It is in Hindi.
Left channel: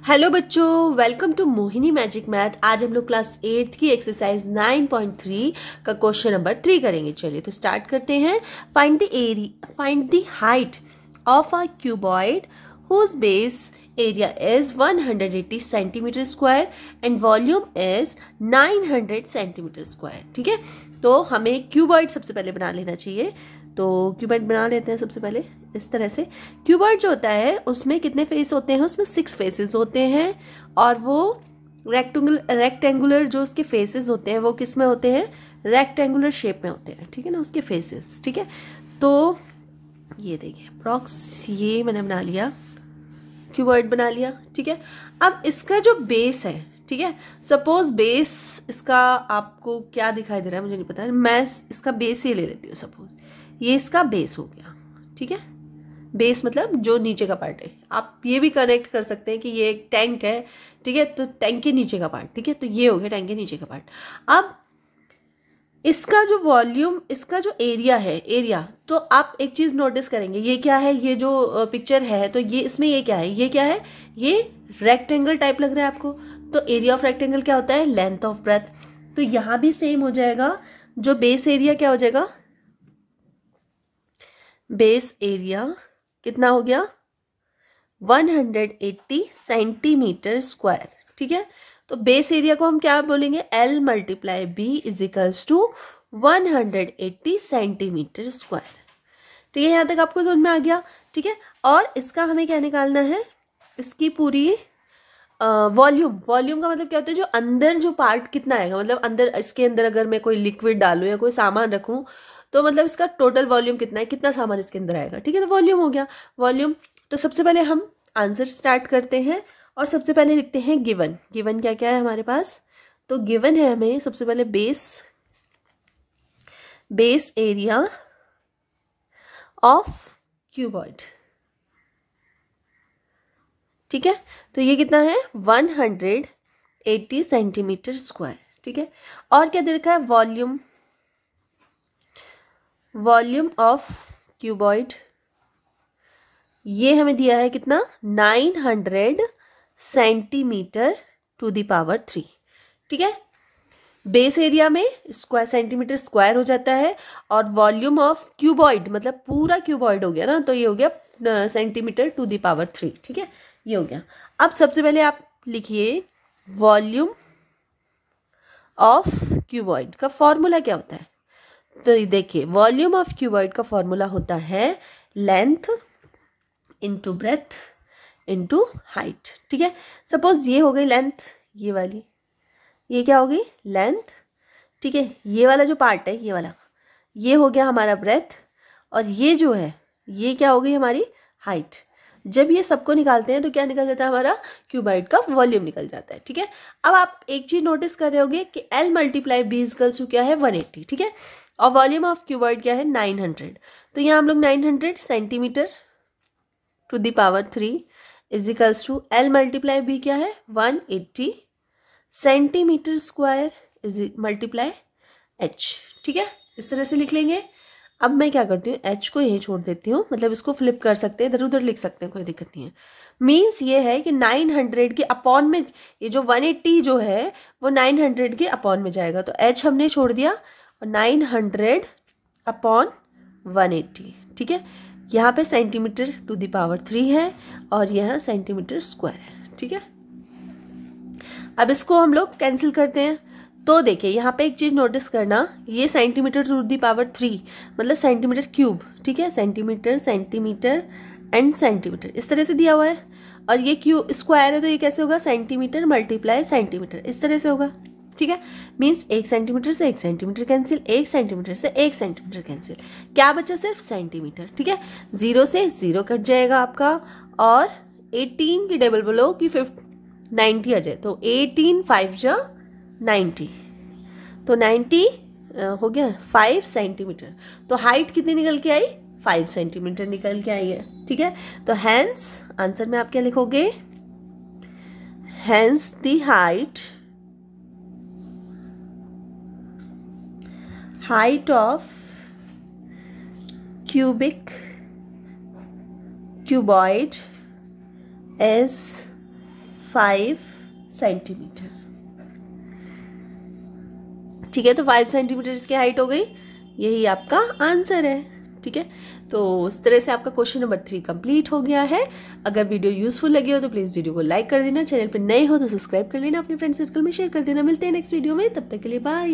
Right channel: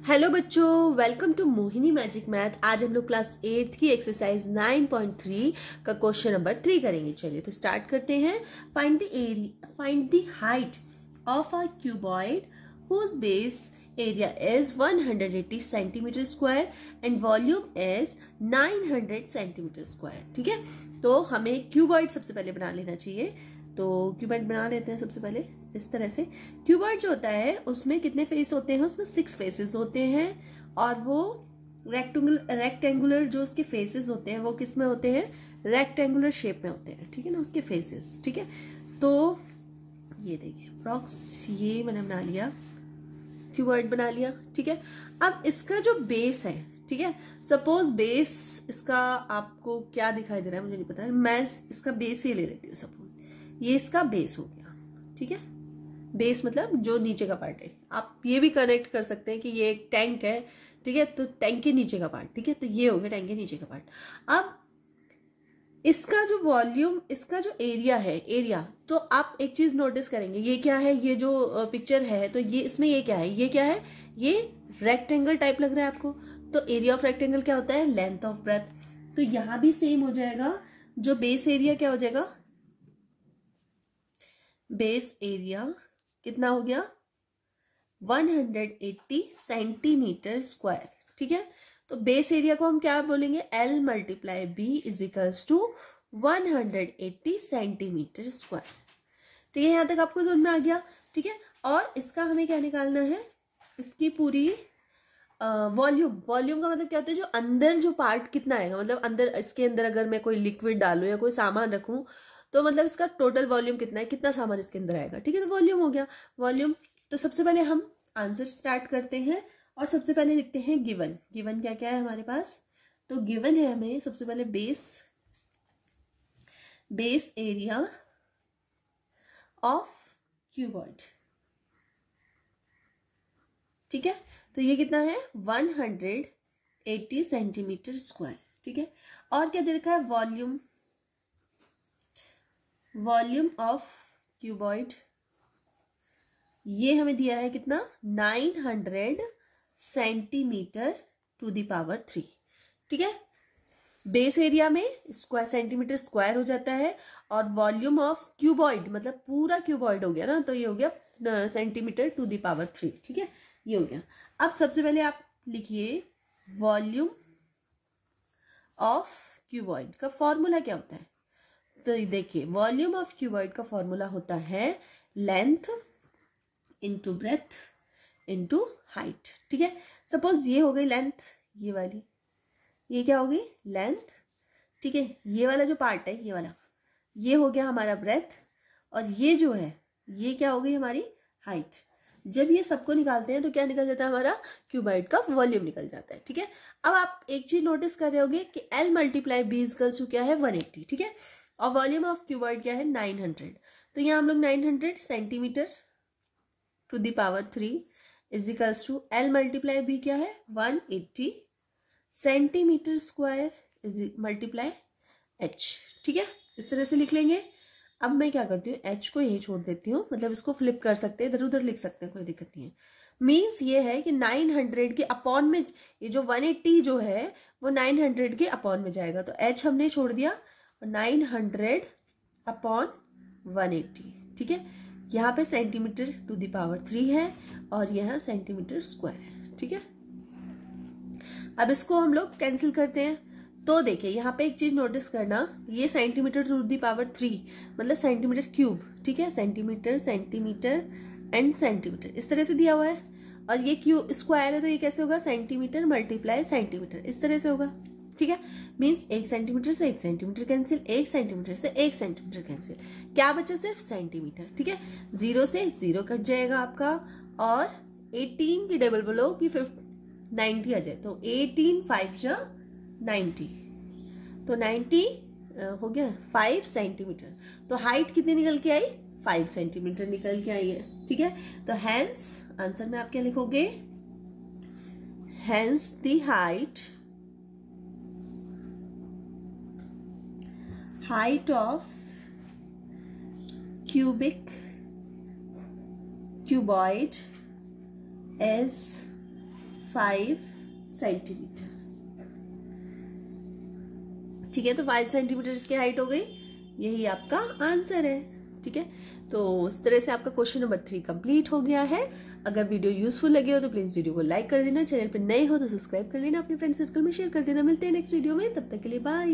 हेलो बच्चों, welcome to Mohini magic math. आज हम लोग क्लास 8 की एक्सरसाइज 9.3 का क्वेश्चन नंबर 3 करेंगे। चलिए तो स्टार्ट करते हैं। Find the height of a cuboid whose base area is 180 centimetre square and volume is 900 centimetre square. ठीक है, तो हमें क्यूबॉइड सबसे पहले बना लेना चाहिए। तो क्यूबॉइड बना लेते हैं सबसे पहले इस तरह से। क्यूबॉइड जो होता है उसमें कितने फेस होते हैं? उसमें 6 फेसेस होते हैं और वो रेक्टेंगुलर जो उसके फेसेस होते हैं वो किस में होते हैं? रेक्टेंगुलर शेप में होते हैं। ठीक है ना, उसके फेसेस। ठीक है, तो ये देखिए अप्रॉक्स ये मैंने बना लिया, क्यूबॉइड बना लिया। ठीक है, अब इसका जो बेस है, ठीक है, सपोज बेस इसका आपको क्या दिखाई दे रहा है मुझे नहीं पता, मैं इसका बेस ही ले लेती हूँ। सपोज ये इसका बेस हो गया। ठीक है, बेस मतलब जो नीचे का पार्ट है। आप ये भी कनेक्ट कर सकते हैं कि ये एक टैंक है। ठीक है, तो टैंक के नीचे का पार्ट। ठीक है, तो ये हो गया टैंक के नीचे का पार्ट। अब इसका जो वॉल्यूम, इसका जो एरिया है, एरिया, तो आप एक चीज नोटिस करेंगे, ये क्या है? ये जो पिक्चर है तो ये इसमें ये क्या है? ये क्या है? ये रेक्टेंगल टाइप लग रहा है आपको। तो एरिया ऑफ रेक्टेंगल क्या होता है? Length of breadth. तो यहां भी सेम हो जाएगा। जो बेस एरिया क्या हो जाएगा? बेस एरिया कितना हो गया? 180 सेंटीमीटर स्क्वायर। ठीक है, तो बेस एरिया को हम क्या बोलेंगे? L × B = 180 centimetre square. ठीक है, यहाँ तक आपको समझ में आ गया। ठीक है, और इसका हमें क्या निकालना है? इसकी पूरी वॉल्यूम। वॉल्यूम का मतलब क्या होता है? जो अंदर जो पार्ट कितना आएगा, मतलब अंदर, इसके अंदर अगर मैं कोई लिक्विड डालूं या कोई सामान रखूं तो मतलब इसका टोटल वॉल्यूम कितना है, कितना सामान इसके अंदर आएगा। ठीक है, तो वॉल्यूम हो गया। वॉल्यूम, तो सबसे पहले हम आंसर स्टार्ट करते हैं और सबसे पहले लिखते हैं गिवन। गिवन क्या क्या है हमारे पास? तो गिवन है हमें सबसे पहले बेस एरिया ऑफ क्यूबॉइड। ठीक है, तो ये कितना है? 180 सेंटीमीटर स्क्वायर। ठीक है, और क्या दे रखा है? वॉल्यूम ऑफ क्यूबॉइड, ये हमें दिया है कितना? 900 सेंटीमीटर टू द पावर 3। ठीक है, बेस एरिया में स्क्वायर, सेंटीमीटर स्क्वायर हो जाता है, और वॉल्यूम ऑफ क्यूबॉइड मतलब पूरा क्यूबॉइड हो गया ना, तो ये हो गया सेंटीमीटर टू द पावर 3। ठीक है, ये हो गया। अब सबसे पहले आप लिखिए वॉल्यूम ऑफ क्यूबॉइड का फॉर्मूला क्या होता है? तो देखिए वॉल्यूम ऑफ क्यूबॉइड का फॉर्मूला होता है length into breadth into height. ठीक है, सपोज ये हो गई लेंथ, ये वाली, ये क्या हो गई? लेंथ। ठीक है, ये वाला जो पार्ट है, ये वाला, ये हो गया हमारा ब्रेथ, और ये जो है ये क्या हो गई? हमारी हाइट। जब ये सबको निकालते हैं तो क्या निकल जाता है? हमारा क्यूबॉइड का वॉल्यूम निकल जाता है। ठीक है, अब आप एक चीज नोटिस कर रहे होगे कि L × B = क्या है? 180। ठीक है, और वॉल्यूम ऑफ क्यूबॉइड क्या है? 900। तो यहाँ हम लोग 900 centimetre to the power 3 = L × B क्या है? 180 सेंटीमीटर स्क्वायर × H। ठीक है, इस तरह से लिख लेंगे। अब मैं क्या करती हूँ, H को यही छोड़ देती हूँ, मतलब इसको फ्लिप कर सकते हैं, इधर उधर लिख सकते हैं, कोई दिक्कत नहीं है। मीन्स ये है कि 900 के अपॉन में, ये जो 180 जो है वो 900 के अपॉन में जाएगा, तो H हमने छोड़ दिया और 900 अपॉन 180। ठीक है, यहाँ पे सेंटीमीटर टू द पावर 3 है और यहाँ सेंटीमीटर स्क्वायर है। ठीक है, अब इसको हम लोग कैंसिल करते हैं। तो देखिए यहाँ पे एक चीज नोटिस करना, ये सेंटीमीटर टू द पावर 3 मतलब सेंटीमीटर क्यूब। ठीक है, सेंटीमीटर, सेंटीमीटर एंड सेंटीमीटर इस तरह से दिया हुआ है, और ये क्यूब स्क्वायर है तो ये कैसे होगा? सेंटीमीटर × सेंटीमीटर, इस तरह से होगा। ठीक है, मीन्स 1 सेंटीमीटर से 1 सेंटीमीटर कैंसिल, 1 सेंटीमीटर से 1 सेंटीमीटर कैंसिल, क्या बचा? सिर्फ सेंटीमीटर। ठीक है, 0 से 0 कट जाएगा आपका, और 18 की डबल बोलो कि 90 आ जाए, तो 18 5 जा 90, तो 90 हो गया 5 सेंटीमीटर। तो हाइट कितनी निकल के आई? 5 सेंटीमीटर निकल के आई है। ठीक है, तो हैंस आंसर में आप क्या लिखोगे? Hence the height of cuboid is 5 centimetre. ठीक है, तो 5 सेंटीमीटर इसकी हाइट हो गई, यही आपका आंसर है। ठीक है, तो इस तरह से आपका क्वेश्चन नंबर 3 कंप्लीट हो गया है। अगर वीडियो यूजफुल लगी हो तो प्लीज वीडियो को लाइक कर देना, चैनल पर नए हो तो सब्सक्राइब कर लेना, अपने फ्रेंड सर्कल में शेयर कर देना। मिलते हैं नेक्स्ट वीडियो में, तब तक के लिए बाय।